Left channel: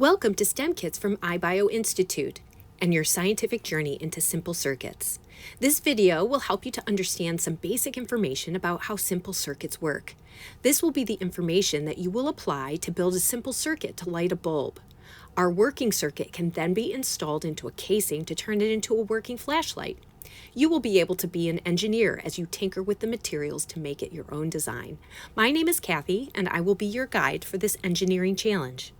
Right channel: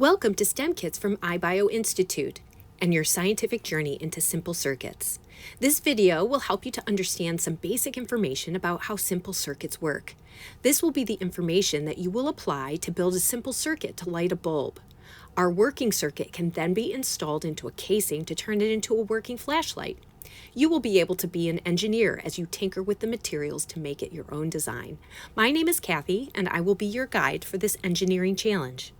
Welcome to STEMKits from iBio Institute and your scientific journey into simple circuits. This video will help you to understand some basic information about how simple circuits work. This will be the information that you will apply to build a simple circuit to light a bulb. Our working circuit can then be installed into a casing to turn it into a working flashlight. You will be able to be an engineer as you tinker with the materials to make it your own design. My name is Kathy, and I will be your guide for this engineering challenge.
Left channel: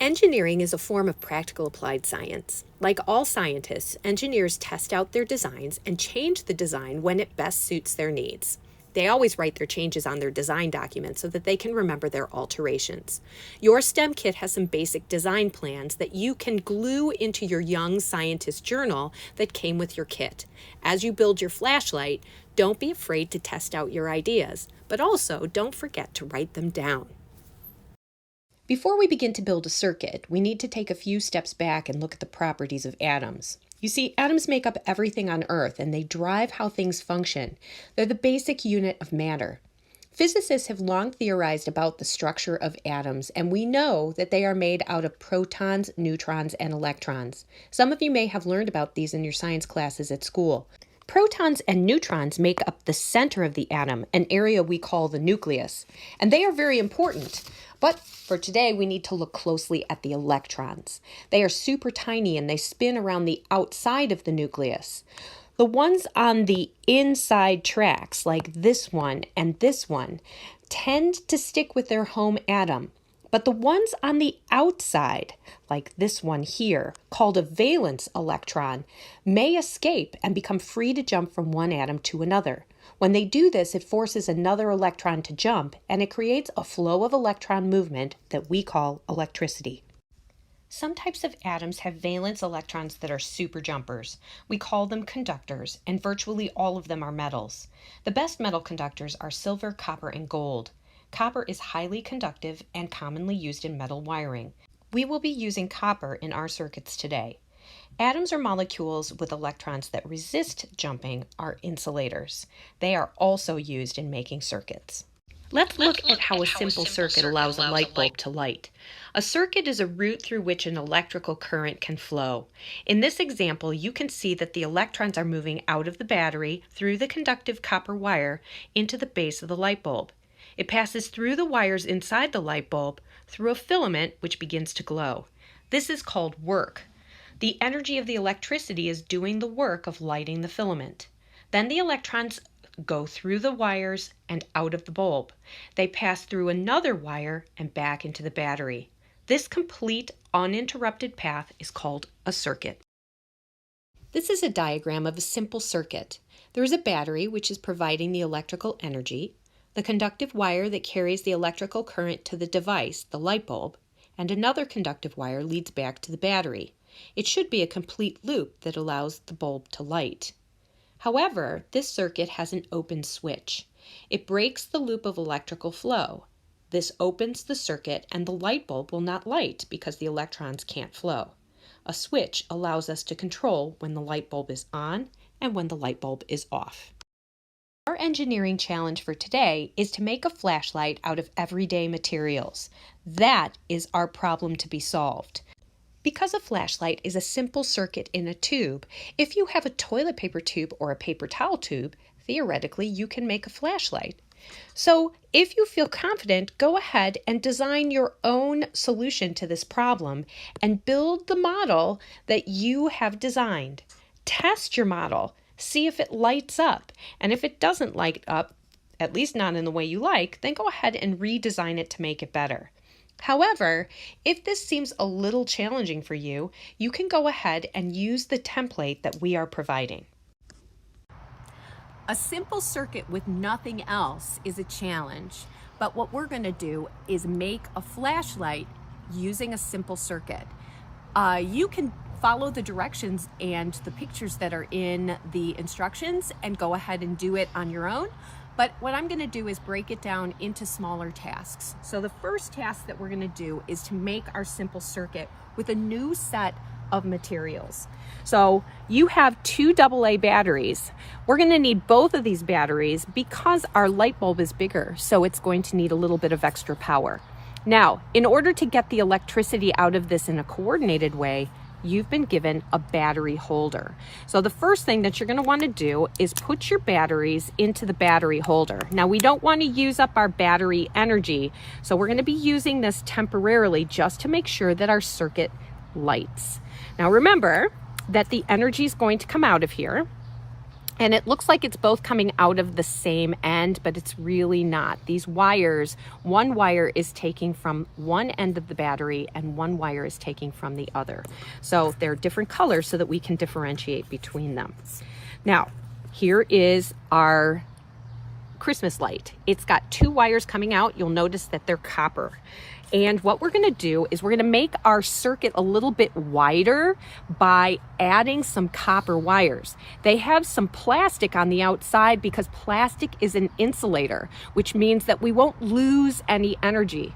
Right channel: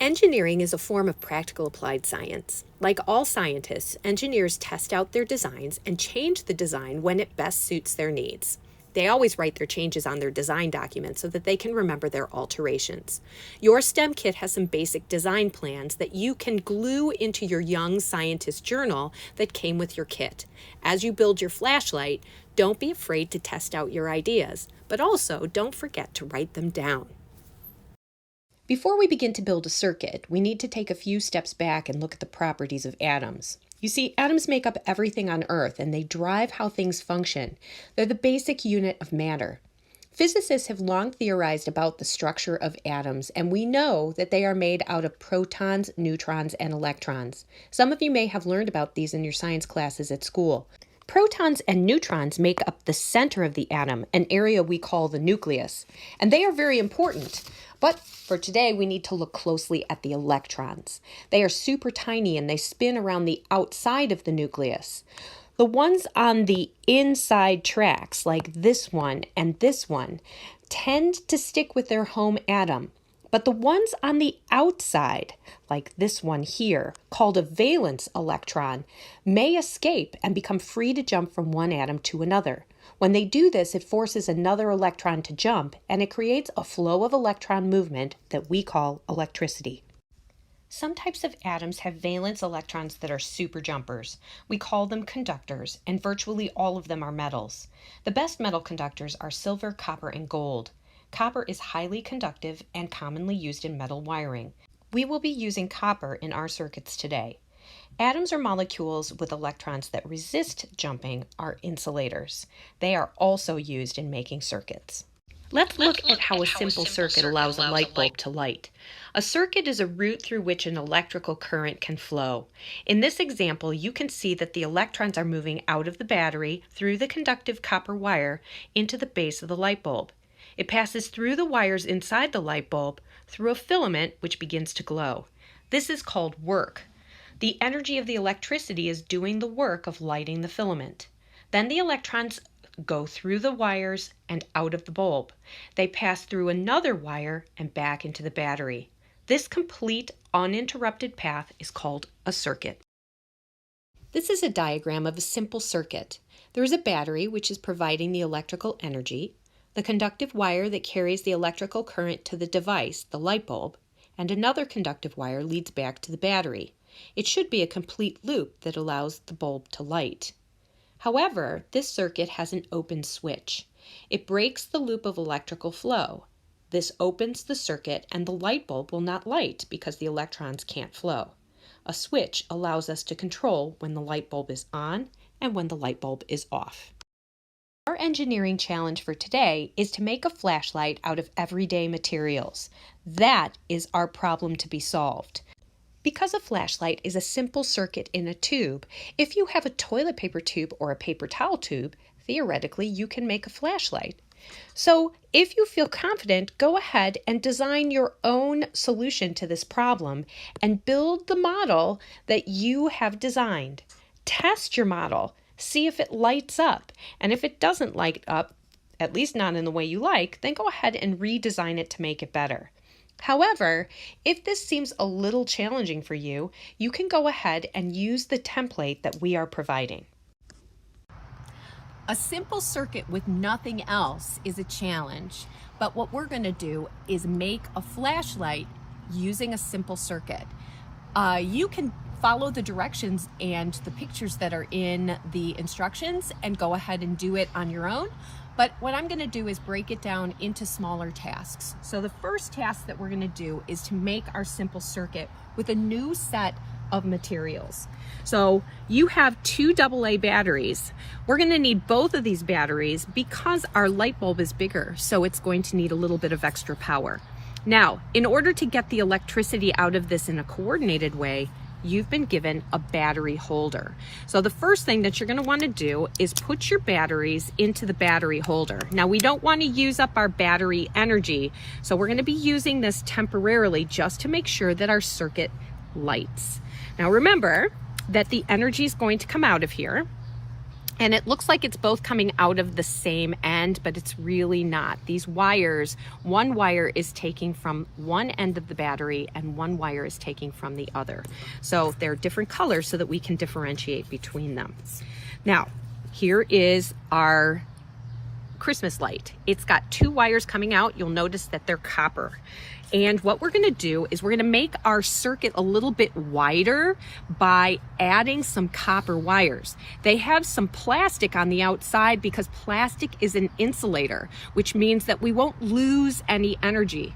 Engineering is a form of practical applied science. Like all scientists, engineers test out their designs and change the design when it best suits their needs. They always write their changes on their design documents so that they can remember their alterations. Your STEM kit has some basic design plans that you can glue into your Young Scientist journal that came with your kit. As you build your flashlight, don't be afraid to test out your ideas, but also don't forget to write them down. Before we begin to build a circuit, we need to take a few steps back and look at the properties of atoms. You see, atoms make up everything on Earth, and they drive how things function. They're the basic unit of matter. Physicists have long theorized about the structure of atoms, and we know that they are made out of protons, neutrons, and electrons. Some of you may have learned about these in your science classes at school. Protons and neutrons make up the center of the atom, an area we call the nucleus, and they are very important. But for today, we need to look closely at the electrons. They are super tiny and they spin around the outside of the nucleus. The ones on the inside tracks, like this one and this one, tend to stick with their home atom. But the ones on the outside, like this one here, called a valence electron, may escape and become free to jump from one atom to another. When they do this, it forces another electron to jump, and it creates a flow of electron movement that we call electricity. Some types of atoms have valence electrons that are super jumpers. We call them conductors, and virtually all of them are metals. The best metal conductors are silver, copper, and gold. Copper is highly conductive and commonly used in metal wiring. We will be using copper in our circuits today. Atoms or molecules with electrons that resist jumping are insulators. They are also used in making circuits. Let's look at how a simple circuit allows a light bulb to light. A circuit is a route through which an electrical current can flow. In this example, you can see that the electrons are moving out of the battery through the conductive copper wire into the base of the light bulb. It passes through the wires inside the light bulb through a filament which begins to glow. This is called work. The energy of the electricity is doing the work of lighting the filament. Then the electrons go through the wires and out of the bulb. They pass through another wire and back into the battery. This complete, uninterrupted path is called a circuit. This is a diagram of a simple circuit. There is a battery which is providing the electrical energy, the conductive wire that carries the electrical current to the device, the light bulb, and another conductive wire leads back to the battery. It should be a complete loop that allows the bulb to light. However, this circuit has an open switch. It breaks the loop of electrical flow. This opens the circuit and the light bulb will not light because the electrons can't flow. A switch allows us to control when the light bulb is on and when the light bulb is off. Our engineering challenge for today is to make a flashlight out of everyday materials. That is our problem to be solved. Because a flashlight is a simple circuit in a tube, if you have a toilet paper tube or a paper towel tube, theoretically you can make a flashlight. So if you feel confident, go ahead and design your own solution to this problem and build the model that you have designed. Test your model. See if it lights up, and if it doesn't light up, at least not in the way you like, then go ahead and redesign it to make it better. However, if this seems a little challenging for you, you can go ahead and use the template that we are providing. A simple circuit with nothing else is a challenge, but what we're going to do is make a flashlight using a simple circuit. You can follow the directions and the pictures that are in the instructions and go ahead and do it on your own. But what I'm going to do is break it down into smaller tasks. So the first task that we're going to do is to make our simple circuit with a new set of materials. So you have two AA batteries. We're going to need both of these batteries because our light bulb is bigger, so it's going to need a little bit of extra power. Now, in order to get the electricity out of this in a coordinated way, you've been given a battery holder. So the first thing that you're going to want to do is put your batteries into the battery holder. Now, we don't want to use up our battery energy, so we're going to be using this temporarily just to make sure that our circuit lights. Now remember that the energy is going to come out of here, and it looks like it's both coming out of the same end, but it's really not. These wires, one wire is taking from one end of the battery and one wire is taking from the other. So they're different colors so that we can differentiate between them. Now, here is our Christmas light. It's got two wires coming out. You'll notice that they're copper. And what we're gonna do is we're gonna make our circuit a little bit wider by adding some copper wires. They have some plastic on the outside because plastic is an insulator, which means that we won't lose any energy.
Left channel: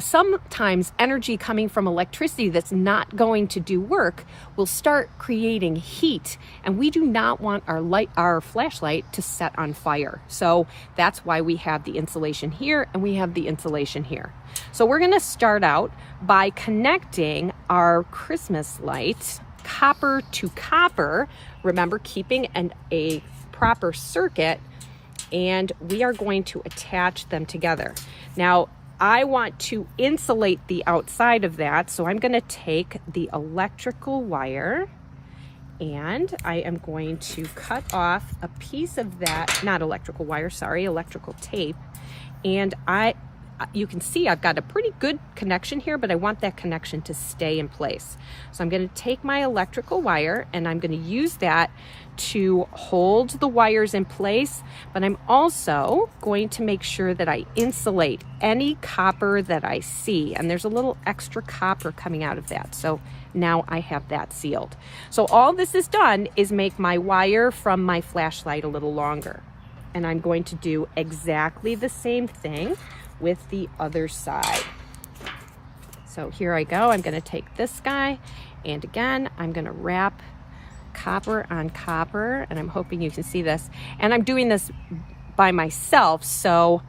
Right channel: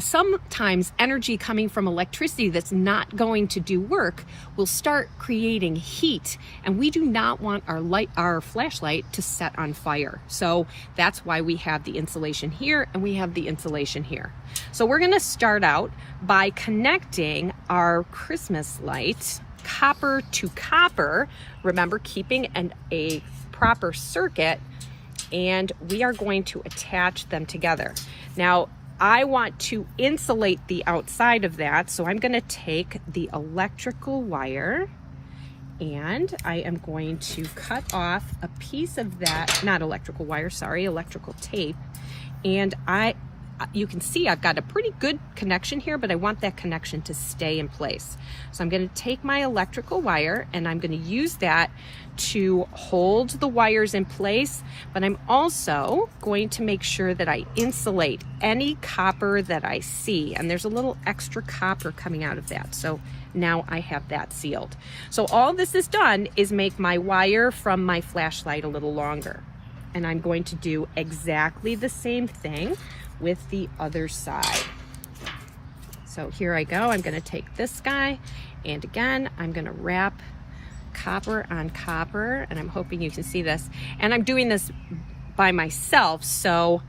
Sometimes energy coming from electricity that's not going to do work will start creating heat, and we do not want our flashlight to set on fire. So that's why we have the insulation here and we have the insulation here. So we're gonna start out by connecting our Christmas light copper to copper, remember keeping a proper circuit, and we are going to attach them together. Now, I want to insulate the outside of that, so I'm gonna take the electrical wire and I am going to cut off a piece of that, not electrical wire, sorry, electrical tape. And you can see I've got a pretty good connection here, but I want that connection to stay in place. So I'm going to take my electrical wire and I'm going to use that to hold the wires in place, but I'm also going to make sure that I insulate any copper that I see. And there's a little extra copper coming out of that. So now I have that sealed. So all this has done is make my wire from my flashlight a little longer. And I'm going to do exactly the same thing with the other side. So here I go. I'm going to take this guy, and again I'm going to wrap copper on copper, and I'm hoping you can see this. And I'm doing this by myself, so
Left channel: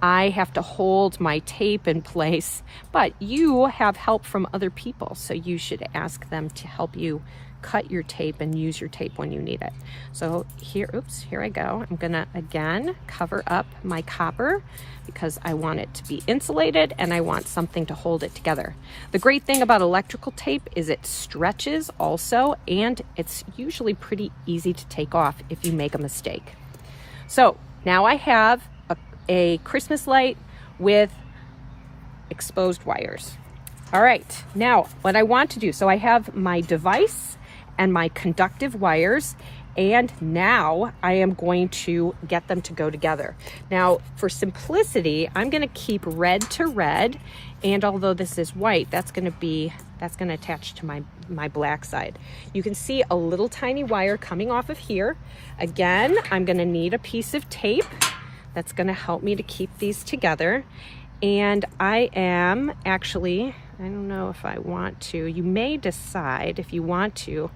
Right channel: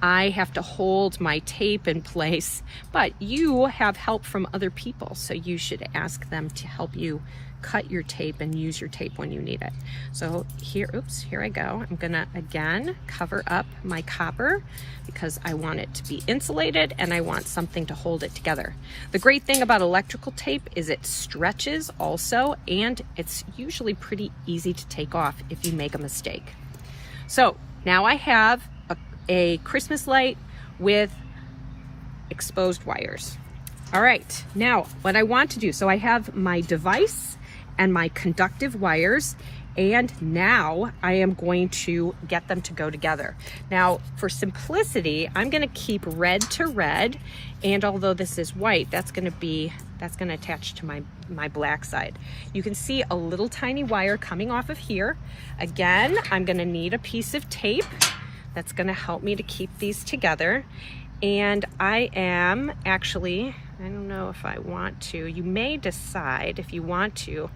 I have to hold my tape in place, but you have help from other people, so you should ask them to help you cut your tape and use your tape when you need it. So here, oops, here I go. I'm gonna again cover up my copper because I want it to be insulated and I want something to hold it together. The great thing about electrical tape is it stretches also, and it's usually pretty easy to take off if you make a mistake. So now I have a Christmas light with exposed wires. All right, now what I want to do, so I have my device and my conductive wires, and now I am going to get them to go together. Now, for simplicity, I'm gonna keep red to red, and although this is white, that's gonna attach to my black side. You can see a little tiny wire coming off of here. Again, I'm gonna need a piece of tape that's gonna help me to keep these together. And I am actually, I don't know if I want to, you may decide if you want to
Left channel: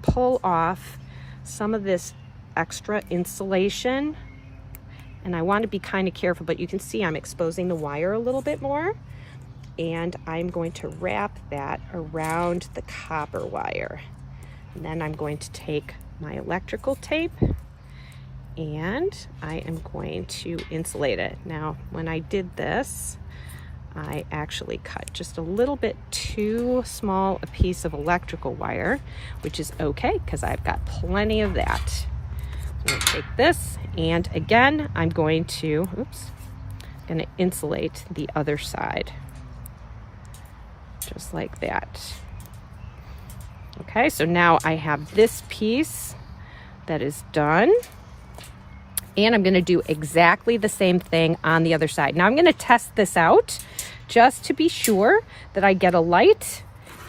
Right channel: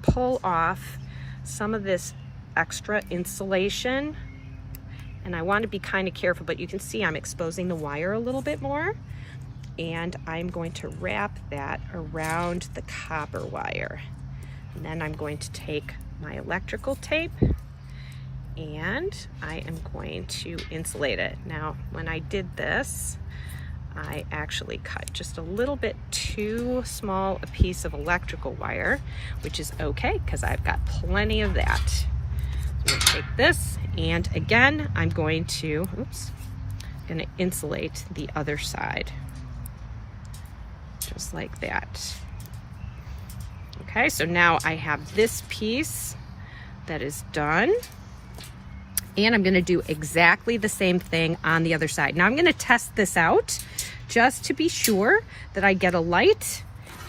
pull off some of this extra insulation. And I want to be kind of careful, but you can see I'm exposing the wire a little bit more. And I'm going to wrap that around the copper wire. And then I'm going to take my electrical tape and I am going to insulate it. Now, when I did this, I actually cut just a little bit too small a piece of electrical wire, which is okay because I've got plenty of that. So I'm going to take this, and again, I'm going to insulate the other side, just like that. Okay, so now I have this piece that is done. And I'm gonna do exactly the same thing on the other side. Now I'm gonna test this out just to be sure that I get a light.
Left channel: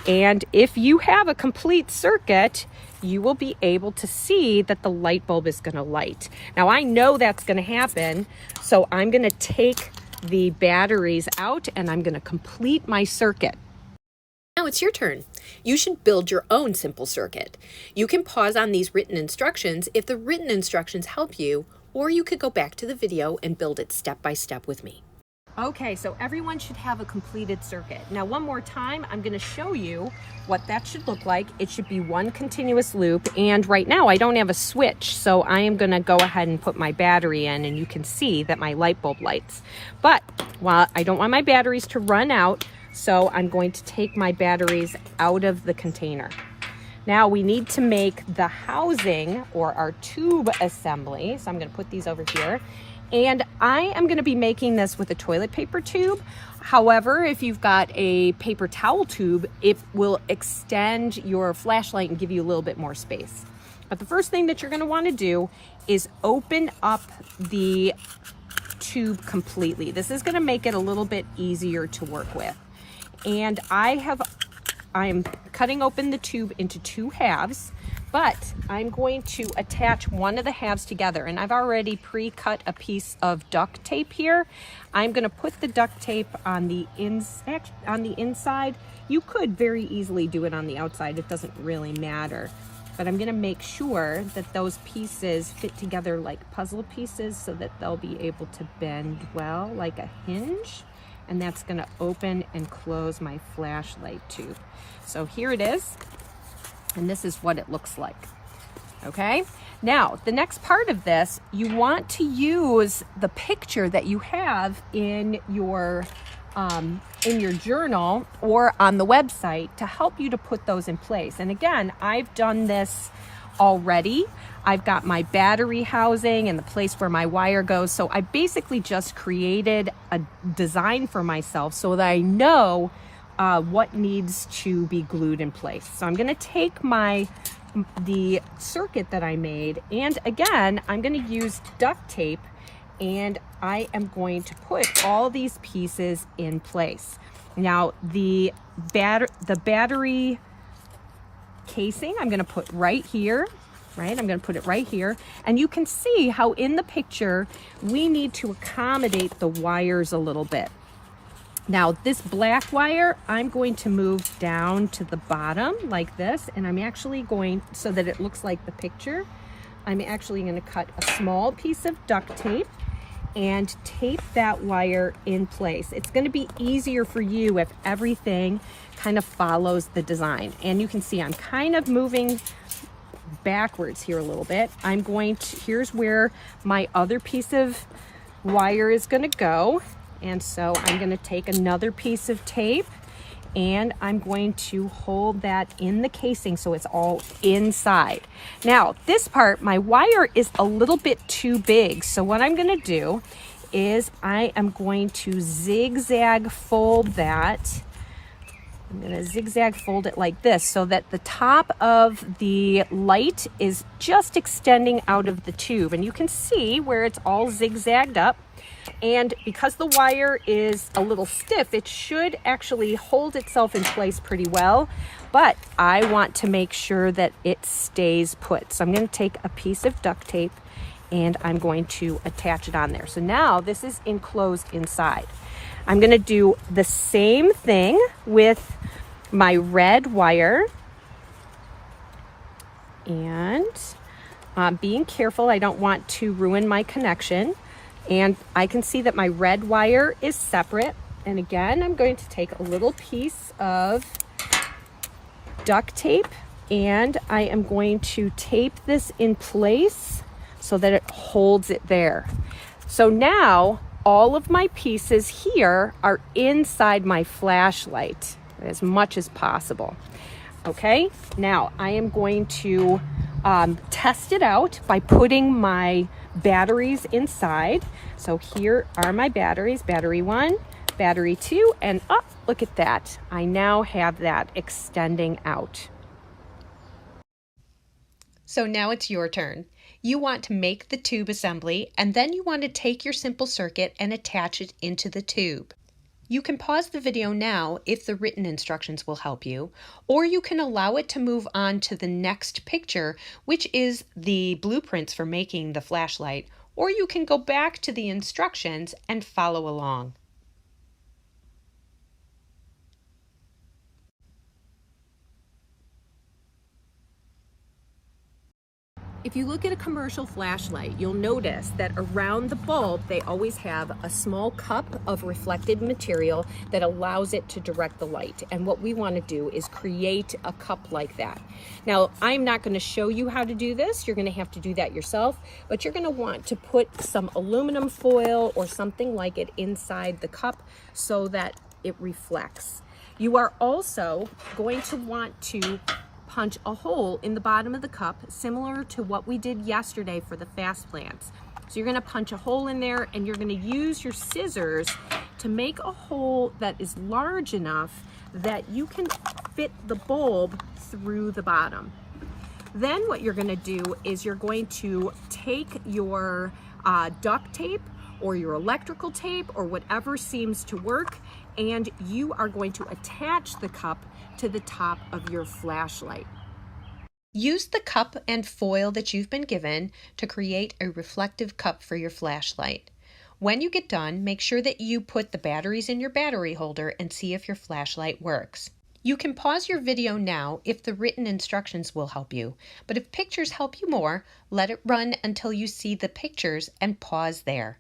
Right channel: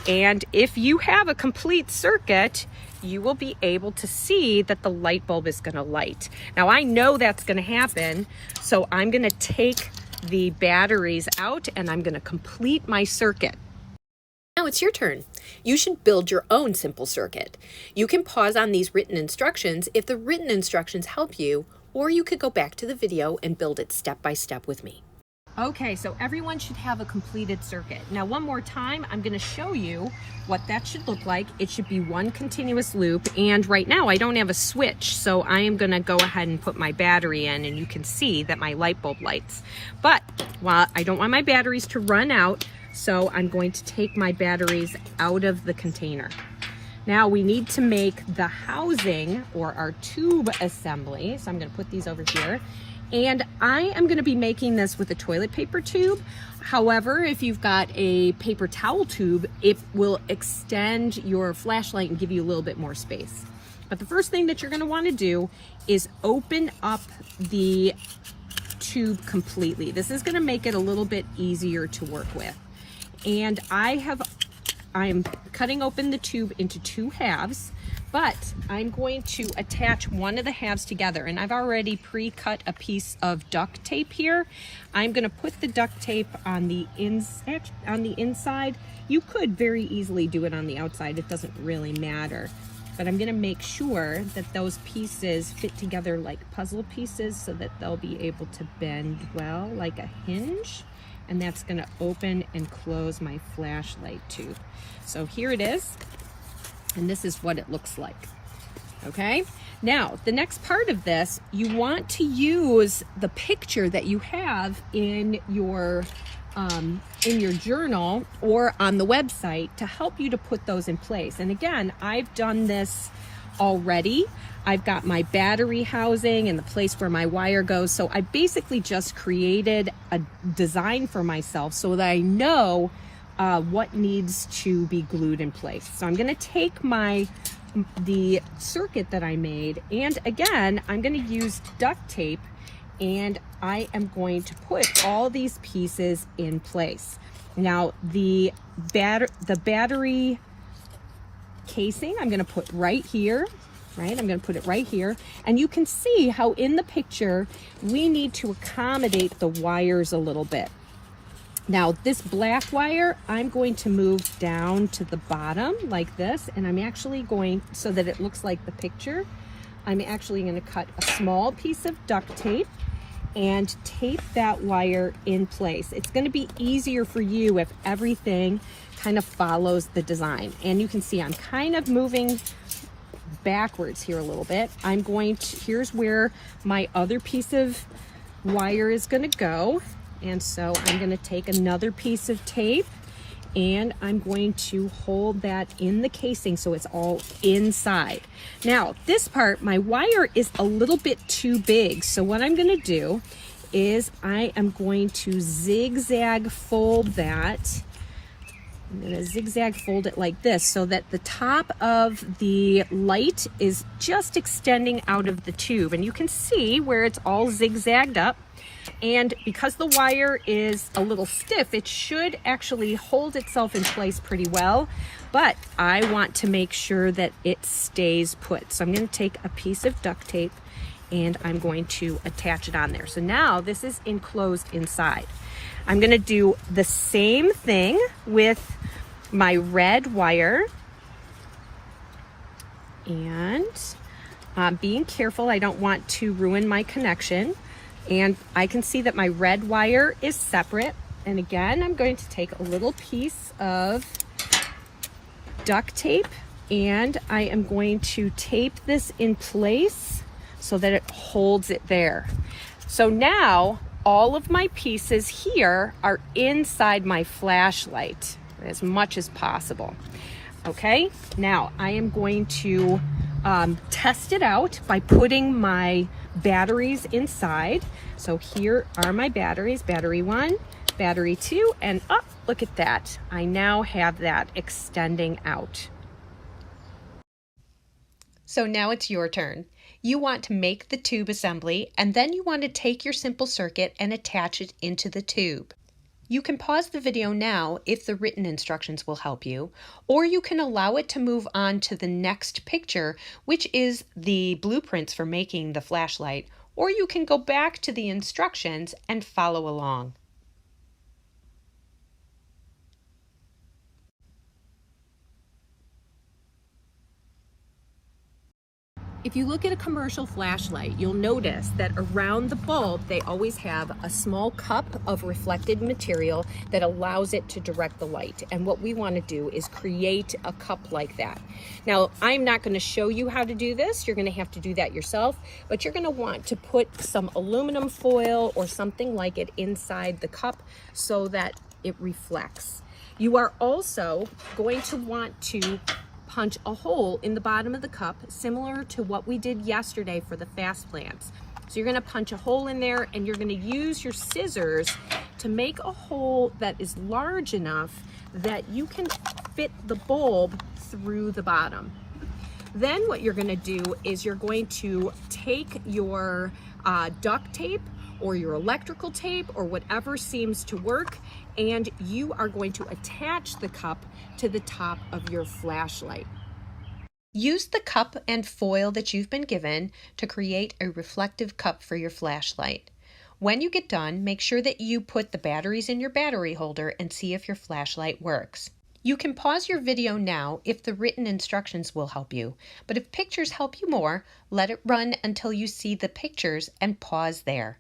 And if you have a complete circuit, you will be able to see that the light bulb is gonna light. Now I know that's gonna happen, so I'm gonna take the batteries out and I'm gonna complete my circuit. Now it's your turn. You should build your own simple circuit. You can pause on these written instructions if the written instructions help you, or you could go back to the video and build it step by step with me. Okay, so everyone should have a completed circuit. Now, one more time, I'm going to show you what that should look like. It should be one continuous loop, and right now I don't have a switch, so I am going to go ahead and put my battery in, and you can see that my light bulb lights. But, well, I don't want my batteries to run out, so I'm going to take my batteries out of the container. Now we need to make the housing, or our tube assembly, so I'm going to put these over here. And I am going to be making this with a toilet paper tube. However, if you've got a paper towel tube, it will extend your flashlight and give you a little bit more space. But the first thing that you're going to want to do is open up the tube completely. This is going to make it a little bit easier to work with. And I'm cutting open the tube into two halves, but I'm going to attach one of the halves together, and I've already pre-cut a piece of duct tape here. I'm going to put the duct tape on the inside. You could very easily do it on the outside. It doesn't really matter, but I'm going to make sure that those pieces fit together like puzzle pieces so that they'll be able to bend well like a hinge, and that's going to open and close my flashlight tube. So here it is. And this is what it looks like. Okay, now the next part of this, you want to use the picture that you have in your journal or on the website to help you to put those in place. And again, I've done this already. I've got my battery housing and the place where my wire goes. So I basically just created a design for myself so that I know what needs to be glued in place. So I'm going to take the circuit that I made, and again, I'm going to use duct tape, and I am going to put all these pieces in place. Now, the battery casing, I'm going to put right here. Right, I'm going to put it right here, and you can see how in the picture we need to accommodate the wires a little bit. Now this black wire, I'm going to move down to the bottom like this, and I'm actually going, so that it looks like the picture, I'm actually going to cut a small piece of duct tape and tape that wire in place. It's going to be easier for you if everything kind of follows the design. And you can see I'm kind of moving backwards here a little bit. Here's where my other piece of wire is going to go. And so I'm going to take another piece of tape, and I'm going to hold that in the casing so it's all inside. Now, this part, my wire is a little bit too big. So what I'm going to do is I am going to zigzag fold that. I'm going to zigzag fold it like this so that the top of the light is just extending out of the tube. And you can see where it's all zigzagged up. And because the wire is a little stiff, it should actually hold itself in place pretty well, but I want to make sure that it stays put. So I'm going to take a piece of duct tape and I'm going to attach it on there. So now this is enclosed inside. I'm going to do the same thing with my red wire, and being careful, I don't want to ruin my connection. And I can see that my red wire is separate. And again, I'm going to take a little piece of duct tape, and I am going to tape this in place so that it holds it there. So now all of my pieces here are inside my flashlight as much as possible. Okay, now I am going to test it out by putting my batteries inside. So here are my batteries, battery 1, battery 2, and look at that. I now have that extending out. So now it's your turn. You want to make the tube assembly, and then you want to take your simple circuit and attach it into the tube. You can pause the video now if the written instructions will help you, or you can allow it to move on to the next picture, which is the blueprints for making the flashlight, or you can go back to the instructions and follow along. If you look at a commercial flashlight, you'll notice that around the bulb, they always have a small cup of reflected material that allows it to direct the light. And what we want to do is create a cup like that. Now, I'm not going to show you how to do this. You're going to have to do that yourself, but you're going to want to put some aluminum foil or something like it inside the cup so that it reflects. You are also going to want to punch a hole in the bottom of the cup, similar to what we did yesterday for the fast plants. So you're going to punch a hole in there, and you're going to use your scissors to make a hole that is large enough that you can fit the bulb through the bottom. Then what you're going to do is you're going to take your duct tape or your electrical tape or whatever seems to work, and you are going to attach the cup to the top of your flashlight. Use the cup and foil that you've been given to create a reflective cup for your flashlight. When you get done, make sure that you put the batteries in your battery holder and see if your flashlight works. You can pause your video now if the written instructions will help you, but if pictures help you more, let it run until you see the pictures and pause there.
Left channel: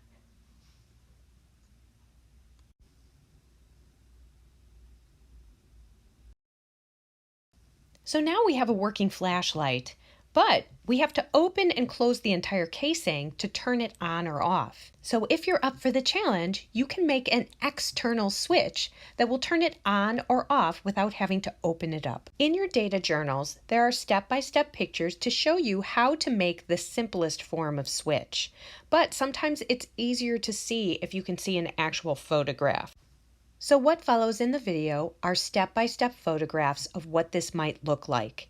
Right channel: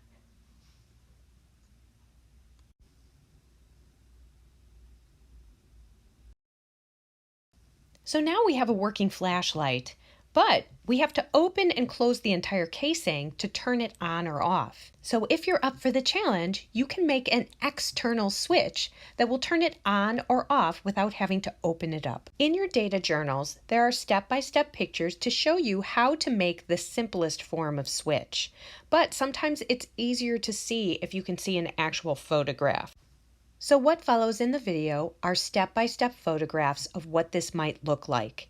So now we have a working flashlight, but we have to open and close the entire casing to turn it on or off. So if you're up for the challenge, you can make an external switch that will turn it on or off without having to open it up. In your data journals, there are step-by-step pictures to show you how to make the simplest form of switch. But sometimes it's easier to see if you can see an actual photograph. So what follows in the video are step-by-step photographs of what this might look like.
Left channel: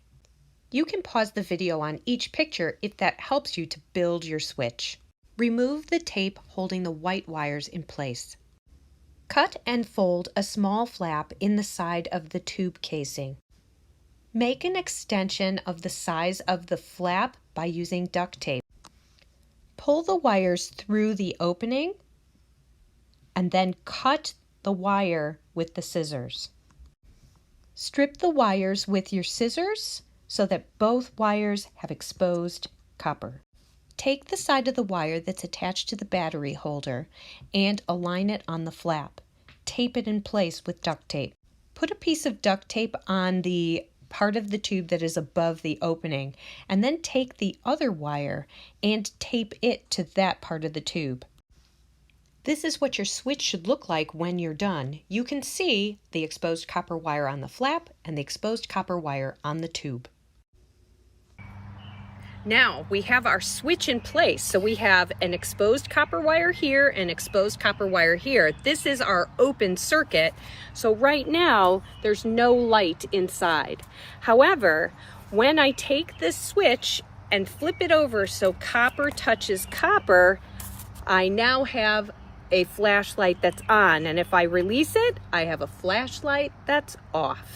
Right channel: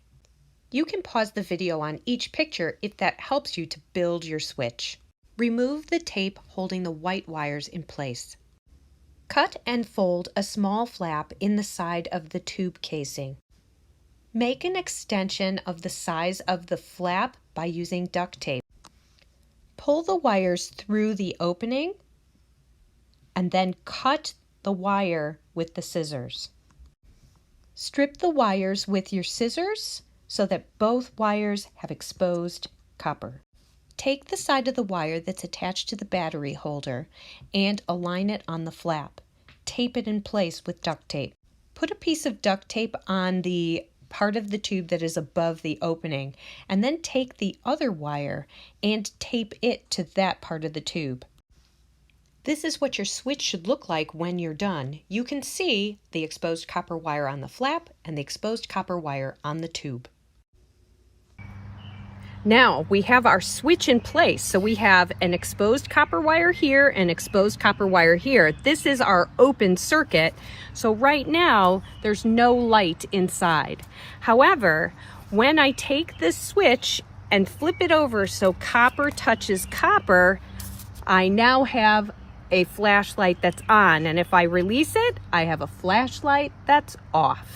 You can pause the video on each picture if that helps you to build your switch. Remove the tape holding the white wires in place. Cut and fold a small flap in the side of the tube casing. Make an extension of the size of the flap by using duct tape. Pull the wires through the opening and then cut the wire with the scissors. Strip the wires with your scissors so that both wires have exposed copper. Take the side of the wire that's attached to the battery holder and align it on the flap. Tape it in place with duct tape. Put a piece of duct tape on the part of the tube that is above the opening, and then take the other wire and tape it to that part of the tube. This is what your switch should look like when you're done. You can see the exposed copper wire on the flap and the exposed copper wire on the tube. Now we have our switch in place. So we have an exposed copper wire here and exposed copper wire here. This is our open circuit. So right now there's no light inside. However, when I take this switch and flip it over so copper touches copper, I now have a flashlight that's on, and if I release it, I have a flashlight that's off.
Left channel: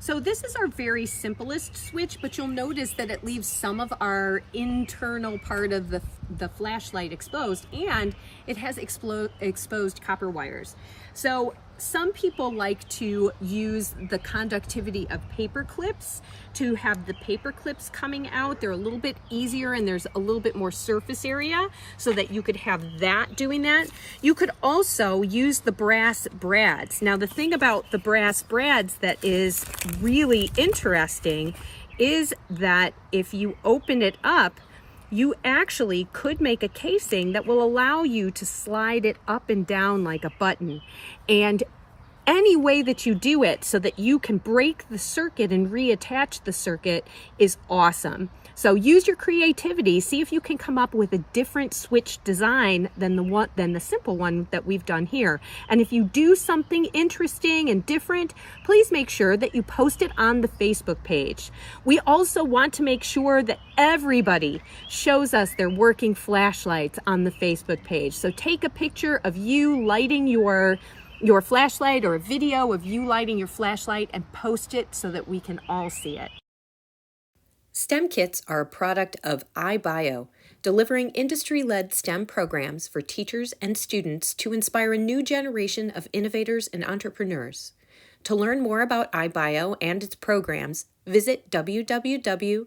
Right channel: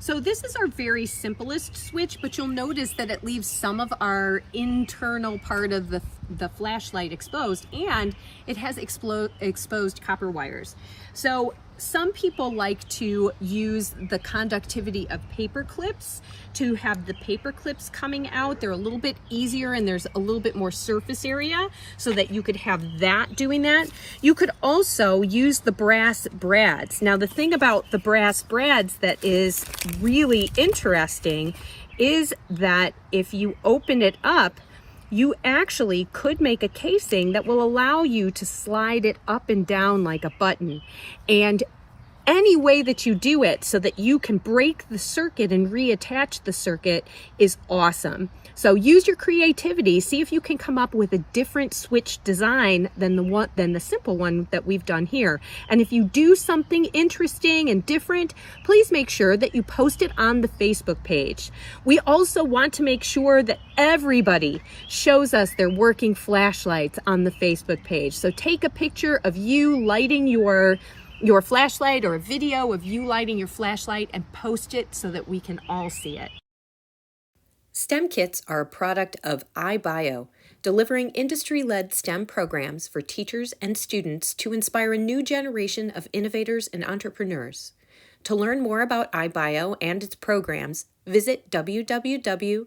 So this is our very simplest switch, but you'll notice that it leaves some of our internal part of the flashlight exposed, and it has exposed copper wires. So some people like to use the conductivity of paper clips to have the paper clips coming out. They're a little bit easier and there's a little bit more surface area so that you could have that doing that. You could also use the brass brads. Now the thing about the brass brads that is really interesting is that if you open it up, you actually could make a casing that will allow you to slide it up and down like a button. And any way that you do it so that you can break the circuit and reattach the circuit is awesome. So use your creativity, see if you can come up with a different switch design than the simple one that we've done here. And if you do something interesting and different, please make sure that you post it on the Facebook page. We also want to make sure that everybody shows us their working flashlights on the Facebook page. So take a picture of you lighting your flashlight or a video of you lighting your flashlight and post it so that we can all see it. STEMKits are a product of iBio, delivering industry-led STEM programs for teachers and students to inspire a new generation of innovators and entrepreneurs. To learn more about iBio and its programs, visit www.ibio.org.